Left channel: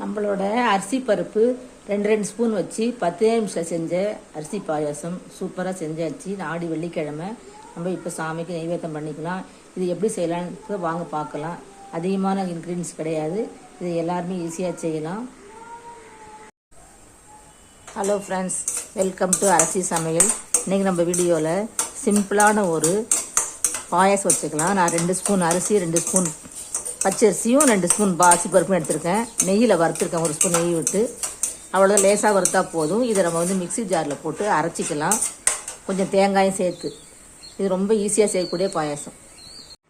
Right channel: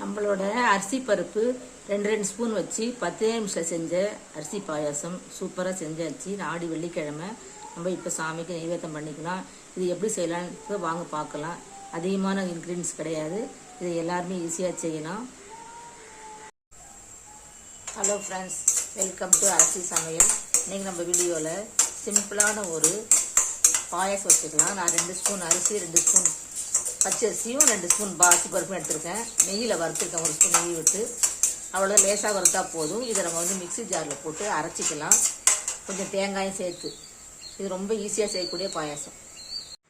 நம்மளோட அரிசி பருப்பு ரெண்டு ரெண்டு ஸ்பூன் வச்சு பத்தே நிமிஷம் செஞ்ச அரிசி பாயாசம் சூப்பராக செஞ்சாச்சு நாடி வெள்ளிக்கிழமை நம்ம இப்போ சாமிக்கு நைவேத்தம் பண்ணிக்கலாம் இது எப்படி செய்யலாம்னு இப்போ வாங்க பார்க்கலாம். அதிகமான இன்க்ரீடியன்ஸ் கிடையாது. இது எல்லாருமே ஈஸியாக செய்யலாம். ஹலோ ஃப்ரெண்ட்ஸ் வெல்கம் டு அரிசி சமையல். இன்றைக்கி நம்ம வீடியோவில் சிம்பிளான ஒரு பாயாசம் வச்சுக்கலாம். நான் ரெண்டு ஸ்பூன் அரிசி ரெண்டு ஸ்பூன் பச்சரிசியும் ரெண்டு ஸ்பூன் பாசி பருப்பும் எடுத்திருக்கேன். நெய்யில் வறுத்துருக்கேன். ஒரு ஸ்பூன் நெய் விட்டு. அவ்வளோ லேசாக வறுத்தா போதும். இதை நம்ம வந்து மிக்ஸி ஜாரில் போட்டு அரைச்சிக்கலாம். கொஞ்சம் தேங்காயும் சேர்த்து. இது ரொம்ப ஈஸியாக செய்யக்கூடிய பாயாசம்.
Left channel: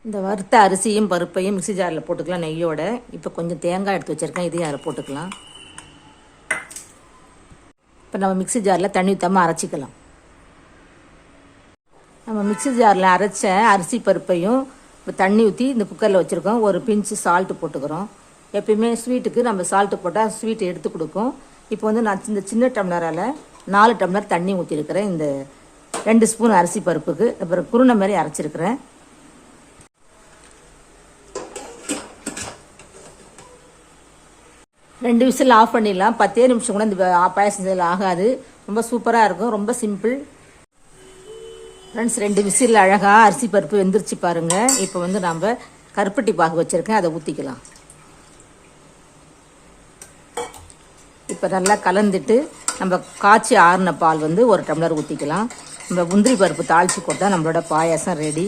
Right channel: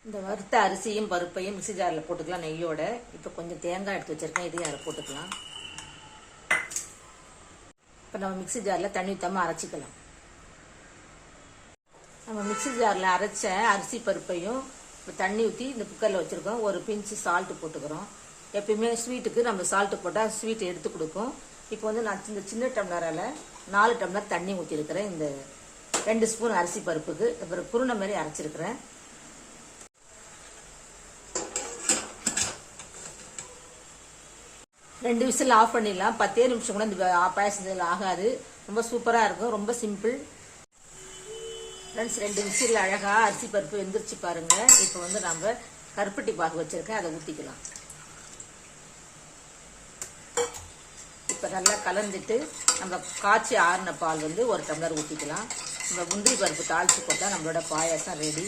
இந்த வறுத்த அரிசியும் பருப்பையும் மிக்ஸி ஜாரில் போட்டுக்கலாம் நெய்யோட. இப்போ கொஞ்சம் தேங்காய் எடுத்து வச்சுருக்கேன். இதையும் அதில் போட்டுக்கலாம். இப்போ நம்ம மிக்ஸி ஜாரில் தண்ணி ஊற்றாமல் அரைச்சிக்கலாம். நம்ம மிக்ஸி ஜாரில் அரைச்ச அரிசி பருப்பையும் இப்போ தண்ணி ஊற்றி இந்த குக்கரில் வச்சுருக்கோம். ஒரு பிஞ்சு சால்ட்டு போட்டுக்கிறோம். எப்பயுமே ஸ்வீட்டுக்கு நம்ம சால்ட்டு போட்டால் ஸ்வீட் எடுத்து கொடுக்கும். இப்போ வந்து நான் இந்த சின்ன டம்ளரால் நாலு டம்ளர் தண்ணி ஊற்றிருக்கிறேன் இந்த ரெண்டு ஸ்பூன் அரிசி பருப்புக்கு அப்புறம் குருணை மாதிரி அரைச்சிருக்கிறேன். ரெண்டு விசில் ஆஃப் பண்ணிடலாம். பத்தே நிமிஷம் கூட இந்த பாயசம் ஆகாது. ரொம்ப சூப்பராக இருக்கும். ரொம்ப சிம்பிள் ஃப்ரெண்ட்ஸ் ரெண்டு விசில் அழகாக அரிசி பருப்பு வெந்துருச்சு பாருங்கள் இப்போ வந்து நாம் கருப்பட்டி பாகு வச்சுருக்கேன். அதை ஊற்றிக்கலாம் இப்போ நல்லா கலந்துட்டு நம்ம காய்ச்சி ஆறின பால் வந்து ஒரு டம்ளர் ஊற்றிக்கலாம் நம்ம முந்திரி பருப்பு தாளித்து போட்டால் நம்மளோட பாயாசம் ரெடி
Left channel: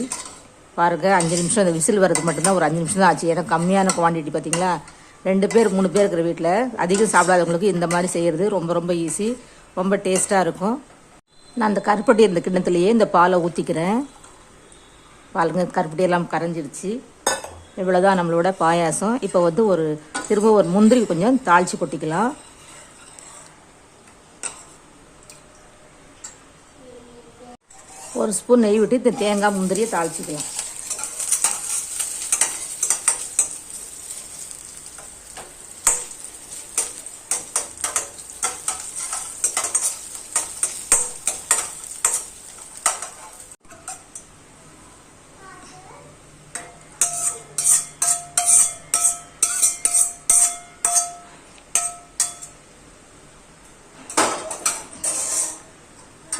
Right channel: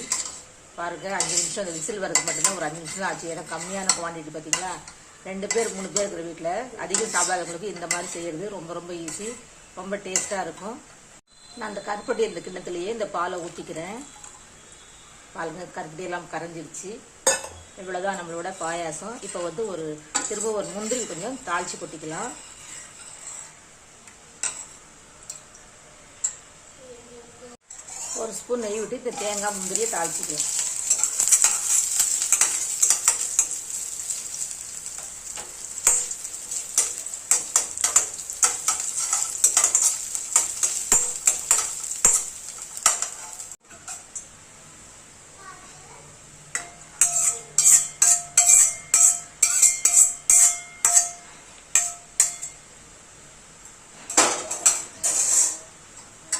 பாருங்க அஞ்சு நிமிஷம் அந்த விசில் வர்றது மட்டும்தான் ஒரு அஞ்சு நிமிஷம் தான் ஆச்சு. ஏன்னா கம்மியான குவான்டிட்டி பார்த்தீங்களா ரெண்டு பேர் மூணு பேர் இருக்கிற வீட்டில் அதிகம் சாப்பிடாதவங்களுக்கு இந்த மாதிரி செய்கிறது ரொம்ப ரொம்ப ஈஸி ரொம்ப டேஸ்ட்டாக இருக்கும். நான் அந்த கருப்பட்டி இருந்த கிண்ணத்துலேயே இந்த பாலை ஊற்றிக்கிறேன் பாலுங்க கருப்பட்டி எல்லாம் இவ்வளோதான் நம்மளோட பாயாசம். இப்போ வந்து ஒரு திரும்ப ஒரு முந்திரி கொஞ்சம் தாளித்து கொட்டிக்கலாம். ஒரு ஸ்பூன் நெய் விட்டு இந்த தேங்காய் முந்திரியை தாளிச்சிக்கலாம்.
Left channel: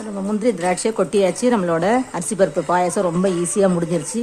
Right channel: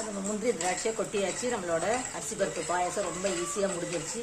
நம்ம முந்திரி திராட்சையை கொட்டியாச்சு. நம்மளோட அரிசி பருப்பு பாயசம் ரொம்ப ஈஸியாக முடிஞ்சிருச்சு.